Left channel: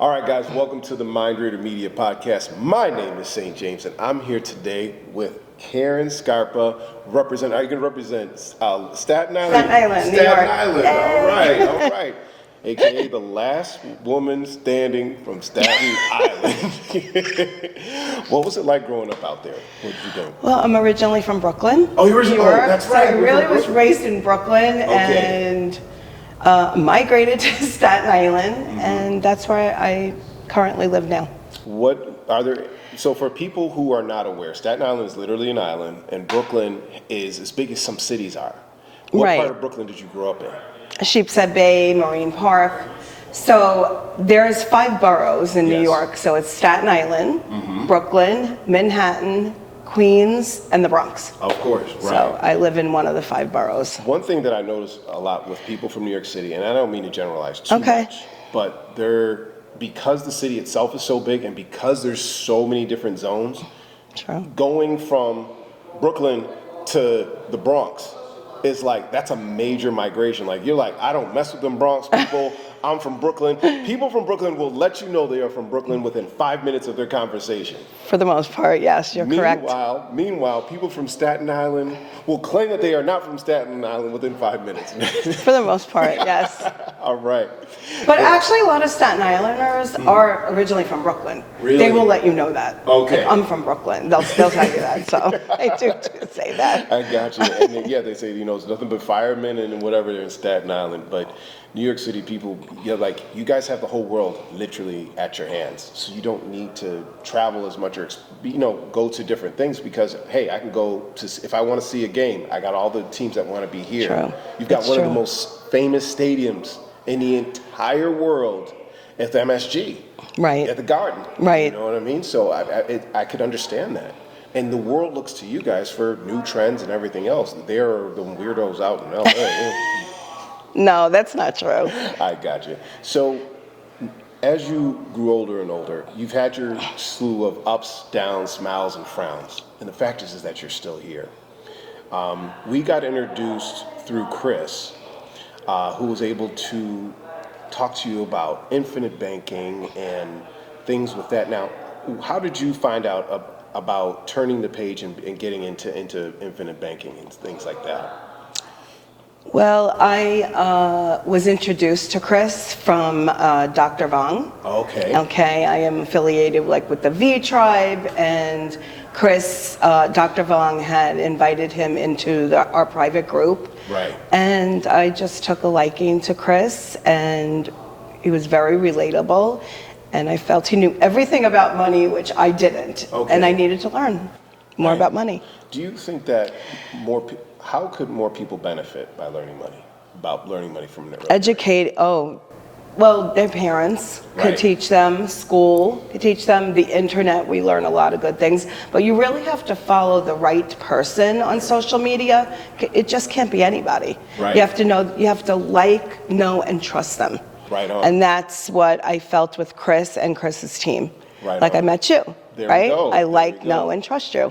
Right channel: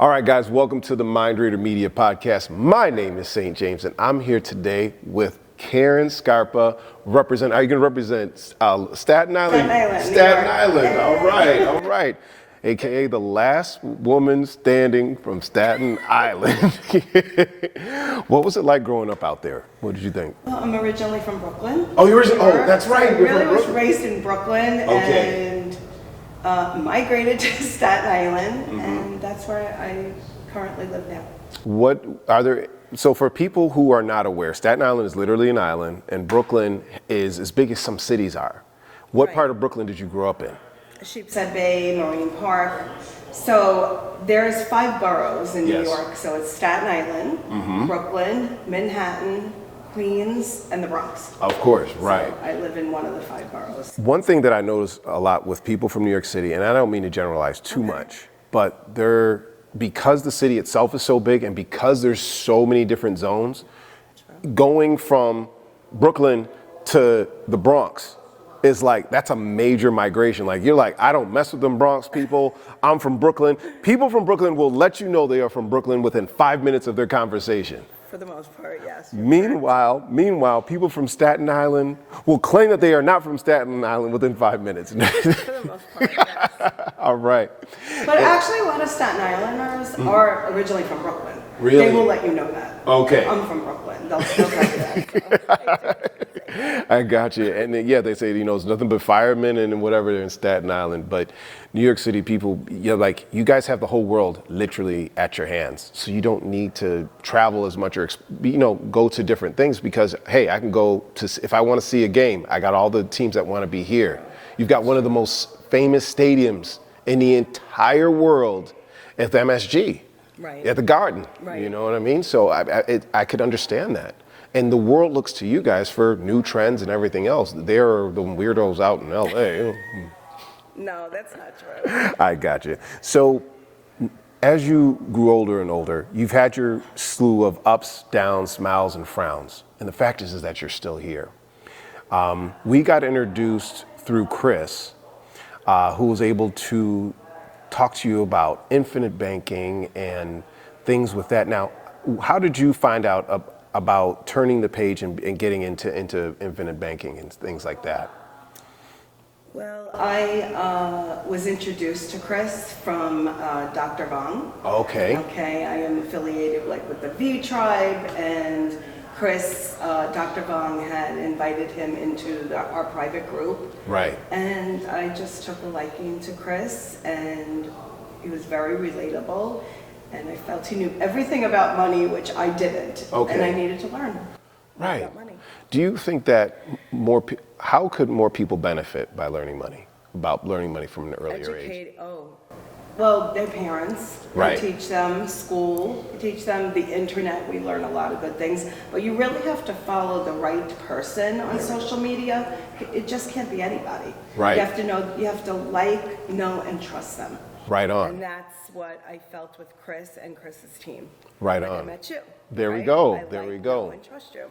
All right, guys, welcome to the Mindreader Media Podcast. My name is St. James, and I'm here today with Karen Scarpa. Are you going to represent Staten Island? Staten Island, Staten Island. All right. AKA the last woman standing from Staten Island. What was it like growing up out there? What did you think? Well, I'm originally from Brooklyn. Oh, you're originally? Oh, that's right. So I really was raised in Brooklyn and migrated to Staten Island, and that's where I currently live now. So for people who are not aware, Staten Island is literally an island, and Brooklyn is as big as some cities are. What part of Brooklyn did you grow up in? Sheepshead Bay, Marine Park. So there's 5 boroughs in New York. So it's Staten Island, Brooklyn, Manhattan, Queens, and the Bronx. Of course, right. So I live in one of the 5 boroughs. One thing that I notice a lot with people from New York City, and I don't mean to generalize too much, but because the city itself is so big and because there's so many different zones, going from Brooklyn to the Bronx is like, that's a major migration. Like, you're like, I don't mess with them Bronx people. I'm from Brooklyn. People from Brooklyn will let you know they are from Brooklyn within 5 minutes of their conversation. For the most part, yes, you're correct. Meanwhile, people from Staten Island will claim that they are not from Staten Island within 5 minutes. For the most part, yes. All right. But actually, a lot of Staten Islanders are originally from Brooklyn. Really? They will let you know that. Okay. I'm from Brooklyn. They'll tell you that. So I do say that. I got you. And then, they say, it's nothing but firemen and whatever in Staten Island. But New York City people, you guys have the whole world literally at your hands. So you don't need to travel as much or, go to different things because, hey, I can go to, if I want to see a game, I got all the teams that want to be here. True. You've got one of the most famous stadiums in the entire world at the MSG. Right. At the Garden. Right. You know what I mean? So I could understand that. And the world looks to you guys for new trends and everything else. They're the weirdos out in LA. No, that's not true. I got you. So as you grew older and older, you've had your slew of ups, downs, smiles, and frowns. And the fact is that you're still here. We got introduced through Chris, who was able to talk to you about infinite banking and things with that. Now, how did you find out about turning the page and getting into infinite banking and things like that? Well, I was introduced to Chris from Dr. Vong. Okay. Okay, I am affiliated with the V Tribe, and Chris, Dr. Vong had invited him into our private group. Right. And I just took a liking to Chris, and he was very relatable, and I felt he knew everything about money, which I didn't. Okay. And I needed to learn more about money. Do you think that how could more people benefit by learning money from an early Educate, well, their parents can teach them, school can teach them, the internet, we learn a lot of good things, but you really have to follow the right person on social media. It just can't be anybody. Right. You have to know, and trust them. Right on. And that's what I felt with Chris and Chris's team. Right like on. I met you, there right? We go. I know, and trust you.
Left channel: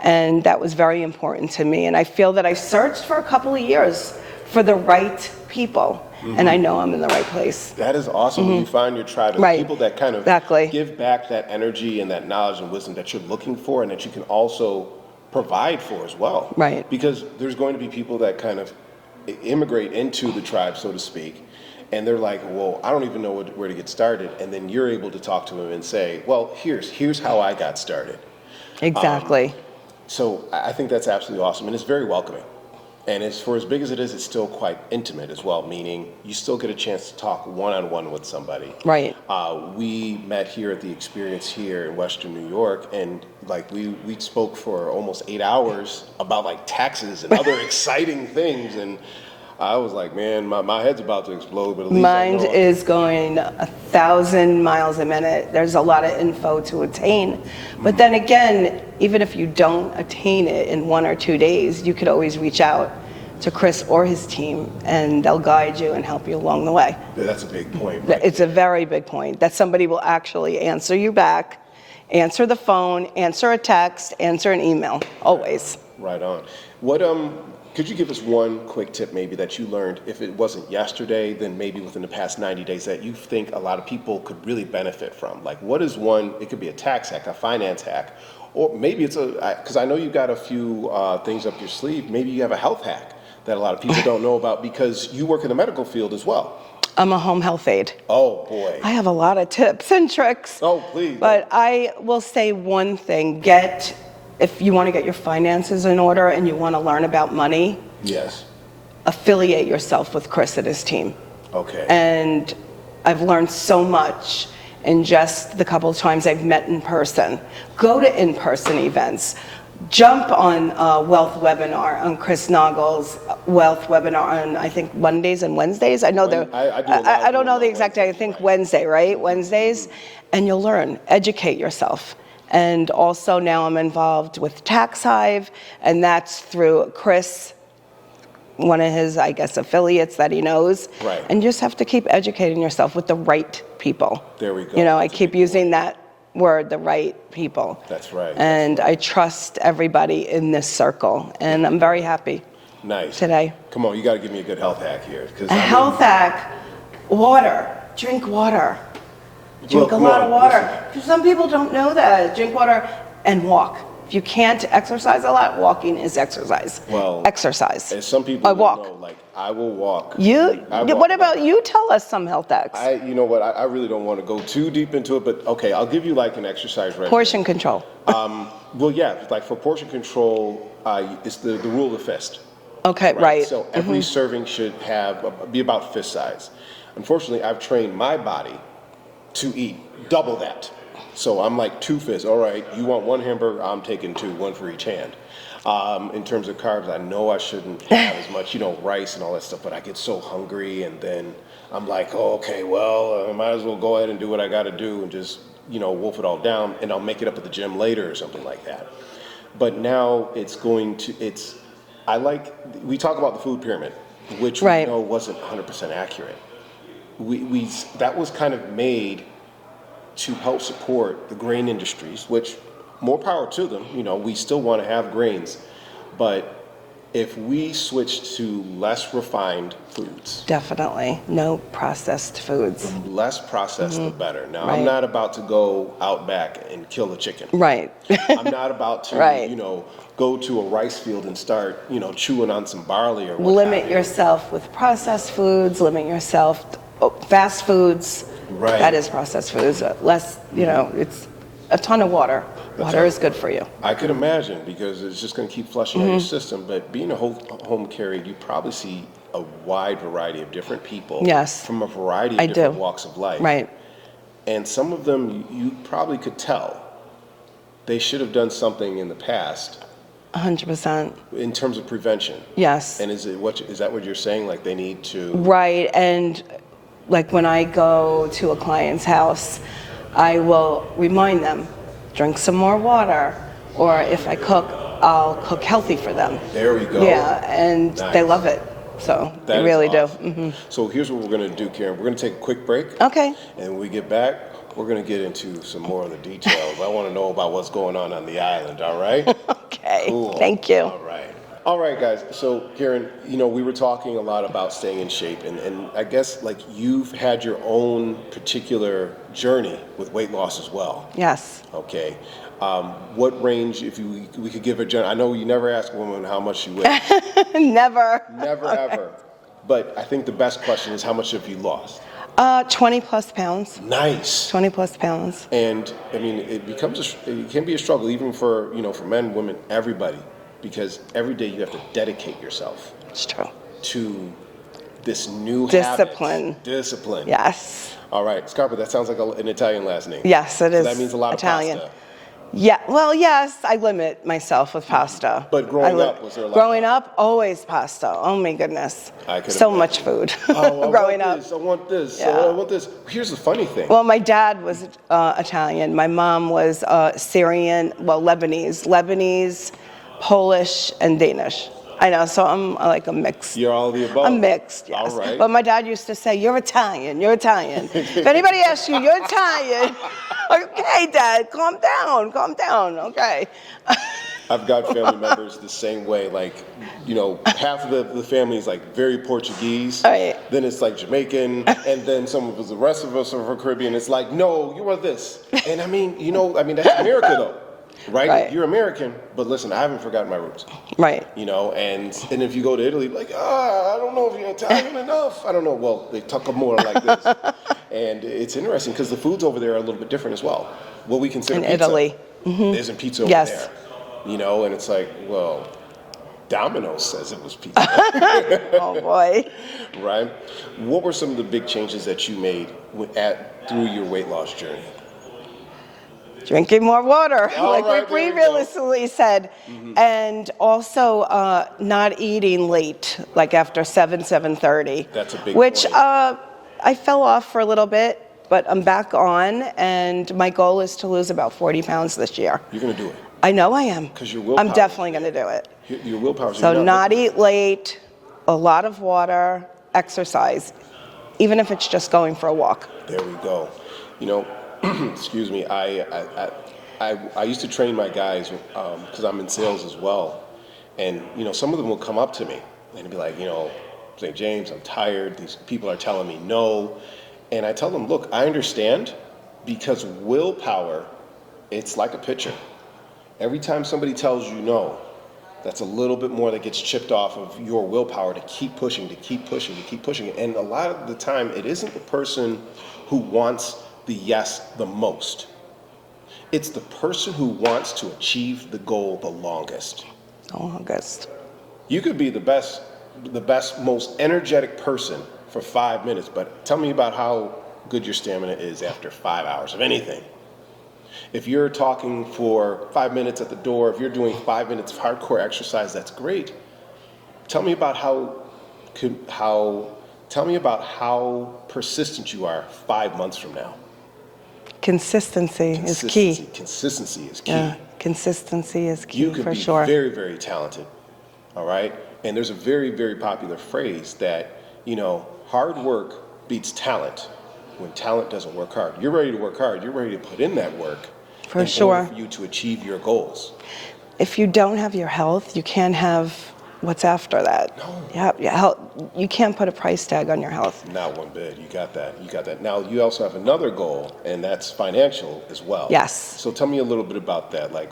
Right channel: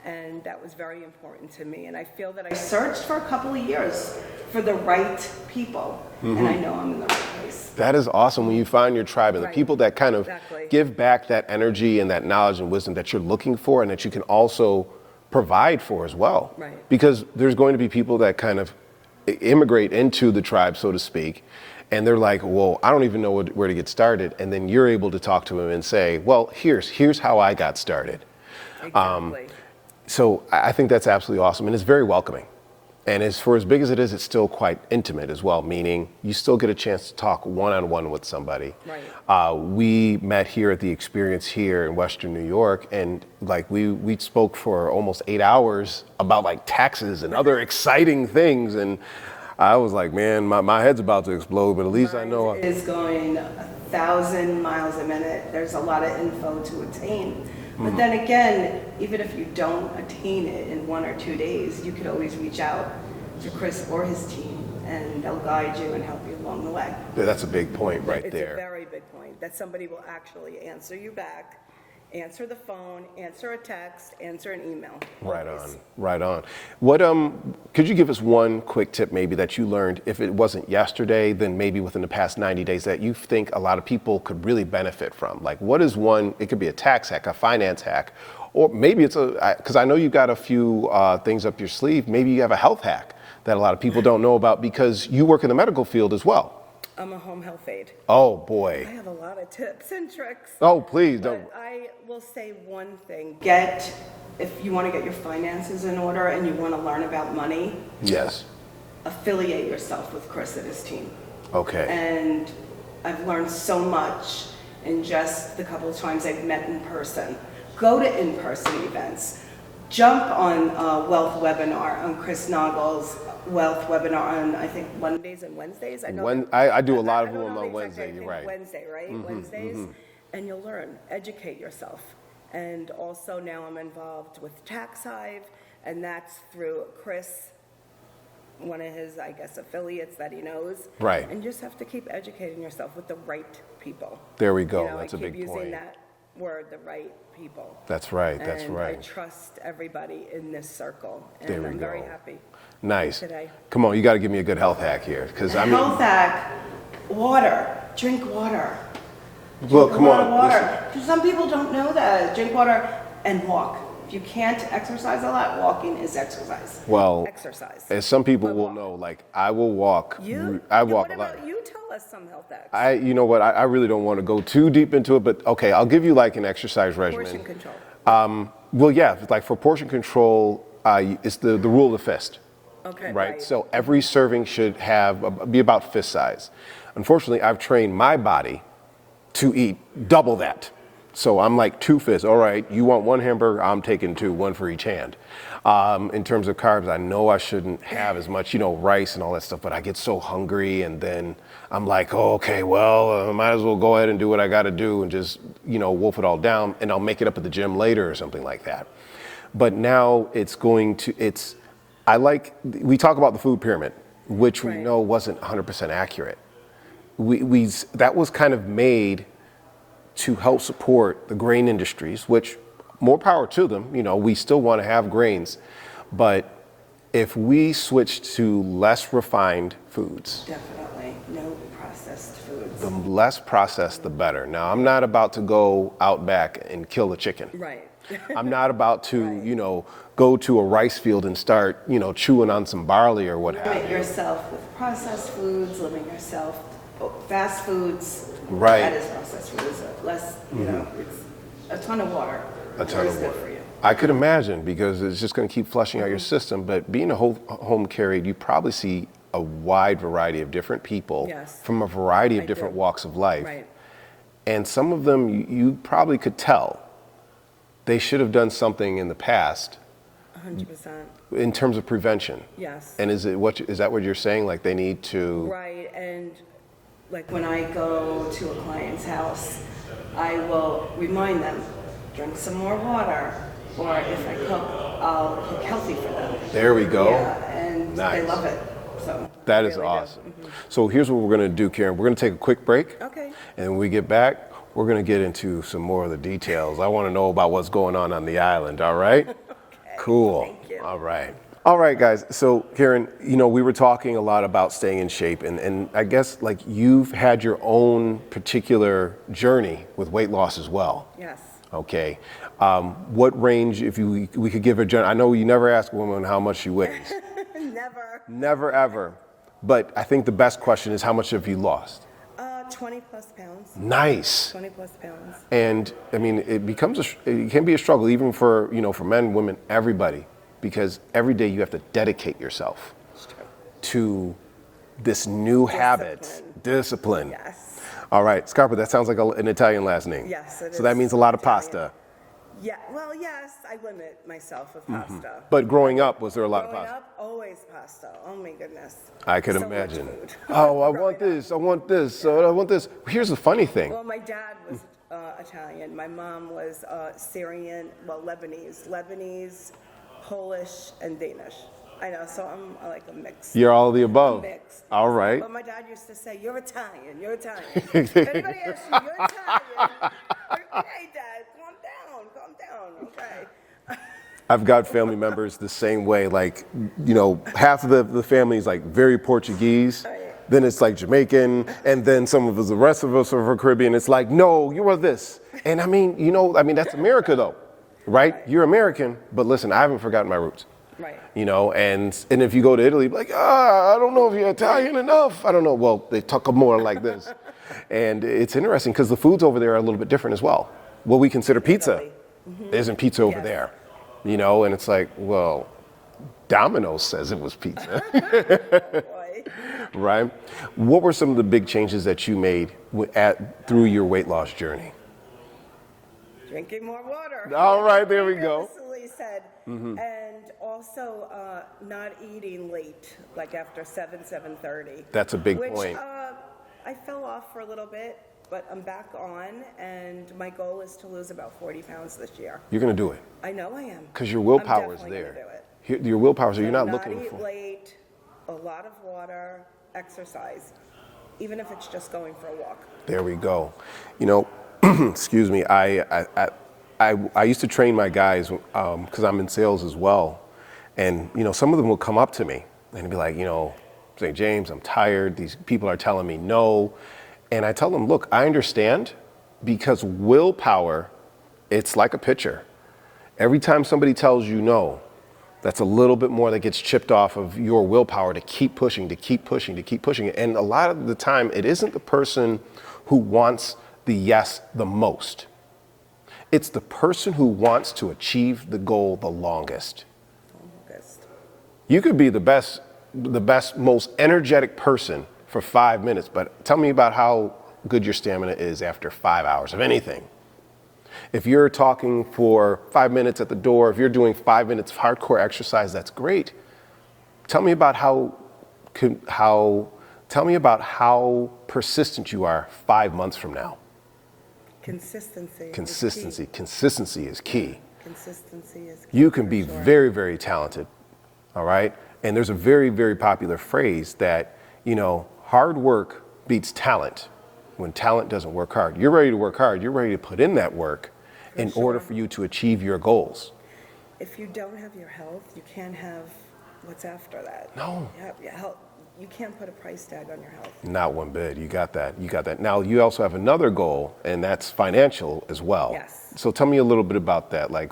And that was very important to me. And I feel that I searched for a couple of years for the right people. And I know I'm in the right place. That is awesome when you find your tribe, the people that kind of give back that energy and that knowledge and wisdom that you're looking for and that you can also provide for as well. Right. Because there's going to be people that kind of immigrate into the tribe, so to speak, and they're like, well, I don't even know where to get started. And then you're able to talk to them and say, well, here's how I got started. Exactly. So I think that's absolutely awesome, and it's very welcoming. And as big as it is, it's still quite intimate as well, meaning you still get a chance to talk one-on-one with somebody. Right. We met here at the Experience here in Western New York, and we spoke for almost 8 hours about taxes and other exciting things. And I was like, man, my head's about to explode, but at least Mine is going 1,000 miles a minute. There's a lot of info to attain. But then again, even if you don't attain it in 1 or 2 days, you could always reach out to Chris or his team, and they'll guide you and help you along the way. That's a big point, right? It's a very big point, that somebody will actually answer you back, answer the phone, answer a text, answer an email, always. Right on. What could you give us one quick tip maybe that you learned, if it wasn't yesterday, then maybe within the past 90 days, that you think a lot of people could really benefit from? Like, what is one? It could be a tax hack, a finance hack, or maybe it's because I know you've got a few things up your sleeve. Maybe you have a health hack that a lot of people don't know about because you work in the medical field as well. I'm a home health aide. Oh boy. I have a lot of tips and tricks. Oh please. But I will say one thing: if you want to get your finances in order and you want to learn about money, Yes. affiliate yourself with Chris and his team. Okay. And I've learned so much in just the couple of times I've met in person. Go to in-person events. Jump on a wealth webinar, on Chris Nagel's wealth webinar on, I think, Mondays and Wednesdays. I know I do a lot of I don't them know on the exact day. I Wednesdays, think right. Wednesday, right? Wednesdays. And you'll learn. Educate yourself. And also now I'm involved with Tax Hive, and that's through Chris, one of his, I guess, affiliates that he knows. Right. And you just have to keep educating yourself with the right people. There we go. You know, I That's a keep big using point. that word, the right people. That's right. And that's I right. trust everybody in this circle, and I'm very happy Nice. today. Come on, you got to give me a good health hack here, because A health hack: water. Drink water. Look, Drink a come lot on, of water. Because some people don't know that. Drink water and walk. If you can't exercise a lot, walking is exercise. Well, exercise. As some people I will walk. know, like I will walk. You? I walk What a about lot. you? Tell us some health hacks. You know what? I really don't want to go too deep into it, but okay, I'll give you like an exercise regimen. Portion control. Well, yeah, like for portion control, it's the rule of the fist. Okay, right. So every serving should be about fist size. Unfortunately, I've trained my body to eat double that. So I'm like 2 fists. All right, you want 1 hamburger? I'm taking 2, 1 for each hand. In terms of carbs, I know I shouldn't have as much, rice and all that stuff, but I get so hungry, and then I'm like, oh, okay, well, I might as well go ahead and do what I got to do and just, wolf it all down, and I'll make it up at the gym later or something like that. But now we talk about the food pyramid, which we know wasn't 100% accurate. That was kind of made to help support the grain industries, which more power to them. We still want to have grains, but if we switch to less refined foods, Definitely. No processed foods. less processed, the better. Now, I'm not about to go out back and kill a chicken. Right. I'm not about to, go to a rice field and start, chewing on some barley or what have Limit you. yourself with processed foods. Limit yourself fast foods. Right. That is processed foods. Less, it's a ton of water. Water is good for you. I could imagine, because it's just going to keep flushing out your system. But being a home care aide, you probably see a wide variety of different people. Yes. From a variety of different do. walks of life. Right. And some of them, you probably could tell they should have done something in the past 100%. in terms of prevention. Yes. And is that what you're saying? Like they need to. Right. And like when I go to a client's house, I will remind them, drink some more water, or if I cook, I'll cook healthy for them. There we go. Yeah, and Nice. they love it. So That they is really awesome. do. So here's what we're going to do, Karen. We're going to take a quick break. Okay. And when we get back, we're going to get into some more of the details. I want to know about what's going on the island, all right? Okay. Cool. Thank you. All right. All right, guys. So, Karen, we were talking a lot about staying in shape, and I guess like you've had your own particular journey with weight loss as well. Yes. Okay. What range, if we could give a I know you never ask a woman how much she weighs. Never. Never, ever. But I think the best question is, how much have you lost? 20 plus pounds. Nice. 20 plus pounds. And I mean, it can be a struggle, even for, for men, women, everybody, because every day you have to dedicate yourself It's true. to this new Discipline. habit. Discipline. Yes. All right, Scarpa, that sounds like an Italian last name. Yes, it So is. that means a lot Italian. of pasta. Yeah. Well, yes, I limit myself with pasta. But growing up, was there a lot of Growing pasta? up, always pasta. Oh my goodness. I can so imagine. much food. Oh, growing I up. want this. I want this. Yeah. I want this. Here's the funny thing. Well, my dad was Italian. My mom was Syrian, Lebanese, Polish, and Danish. I know, so I'm like a mix. You're all of the above. I'm mixed, yes. All right. But my dad used to say, you're Italian, you're Italian. If anybody asks you, you're Italian. Okay, Dad, calm down, okay. I've got family members the same way. Like, you know, half of the family is like very Portuguese. Right. Then it's like Jamaican, and then some of us, the rest of us are from Caribbean. It's like, no, you are this. And I mean, you know, I mean that's America though, right? Right. You're American, but listen, I haven't forgotten my roots. Right. You know, and if you go to Italy, like, I don't know if you're Italian enough. I don't know. Well, they talk more like this, and it's interesting because the foods over there are a little bit different as well. What we consider In pizza Italy. Mm-hmm. isn't pizza over Yes. there. You know, and it's like, well, Domino's says it was pizza. Oh boy. Right? What were some of the big changes that you made through your weight loss journey? Drinking more water, All like right, we there we go. realistically said. And also not eating late, like after 7:30. That's a big which, point. I fell off for a little bit, but I'm back on, and my goal is to lose about 40 pounds this year. You're going to do it. I know I am. 'Cause your willpower I'm is definitely there. going to do it. Your willpower. So not eat late, a lot of water, exercise, even if it's just going for a walk. There we go. You know, excuse me. I used to train my guys because I'm in sales as well, and you know, some of them will come up to me and be like, you know, St. James, I'm tired. These people are telling me no, and I tell them, look, I understand, because willpower, it's like a pitcher. Every time somebody tells you no, that's a little bit more that gets chipped off of your willpower to keep pushing, to keep pushing, to keep pushing. And a lot of the time, it isn't the person who wants the yes the most. It's the person who wants to achieve the goal the longest. August. You could be the best, most energetic person for 5 minutes, but tell me about how good your stamina is after 5 hours of anything. If you're talking for 5 minutes at the door, if you're doing 5 minutes of hardcore exercise, that's great. Tell me about how persistent you are 5 months from now. Consistency is key. Consistency is key. Yeah, consistency is key. You can for be sure. very, very talented, all right? And there's a very, very popular phrase that, you know, hard work beats talent when talent doesn't work hard. You're ready to work hard. You're ready to put in that work For in sure. order for you to achieve your goals. If you don't have your health, you can't have what's after that. No. You can't put a price tag on your health. Not one bit. You got that. You got that. Now, you also have another goal, and that's financial as well. Yes. So tell me a little bit about that. Like,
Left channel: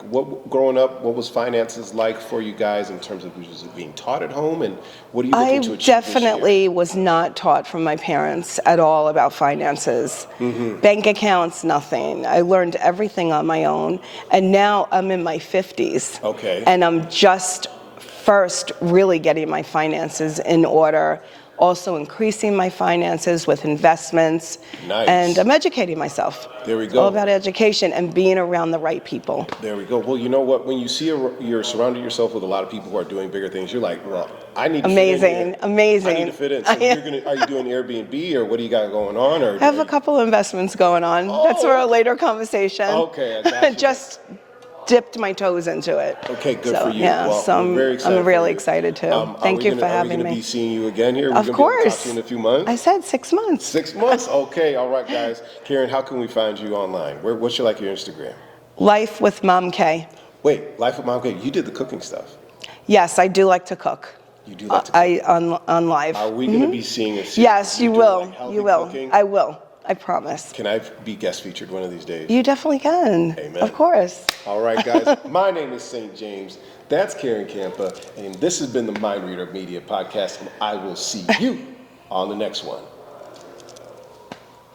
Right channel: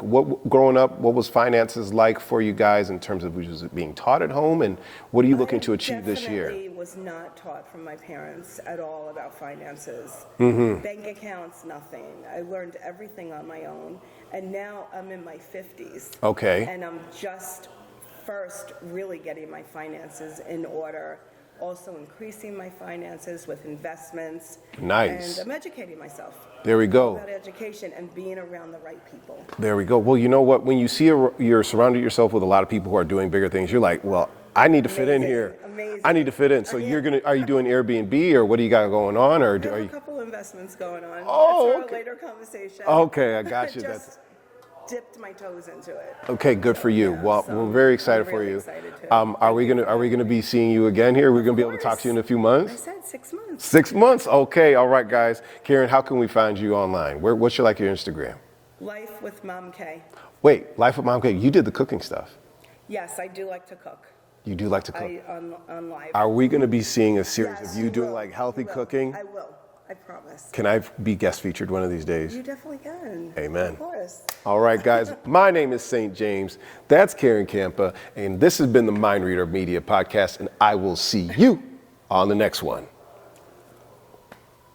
growing up, what was finances like for you guys in terms of was it being taught at home, and what are you looking to achieve I definitely was not taught from my parents at all about finances. Bank accounts, nothing. I learned everything on my own, and now I'm in my 50s. Okay. And I'm just first really getting my finances in order, also increasing my finances with investments. Nice. And I'm educating myself. There we It's go. all about education and being around the right people. There we go. Well, you know what? When you see you're surrounded yourself with a lot of people who are doing bigger things, you're like, well, I need to fit in here. Amazing. I need to fit in. So are you doing Airbnb, or what do you got going on? Or I have a couple of investments going on. Oh, That's for a later conversation. Okay, I got you. Just dipped my toes into it. Okay, good So, for you. yeah, Well, so I'm very excited. I'm really for you. excited too. Are Thank we you gonna, for Are we having going to me. be seeing you again here? We're Of going to be able to talk course. to you in a few months? I said 6 months. 6 months? Okay, all right, guys. Karen, how can we find you online? What's your Instagram? Life with Mom K. Wait, Life with Mom K. You did the cooking stuff. Yes, I do like to cook. You do like to cook. On live. Are we going to be seeing a series? Yes, of you doing, will. Like healthy You will. cooking? I will. I promise. Can I be guest featured one of these days? You definitely can. Amen. Of course. All right, guys. My name is St. James. That's Karen Scarpa, and this has been the Mindreader Media Podcast, and I will see you on the next one.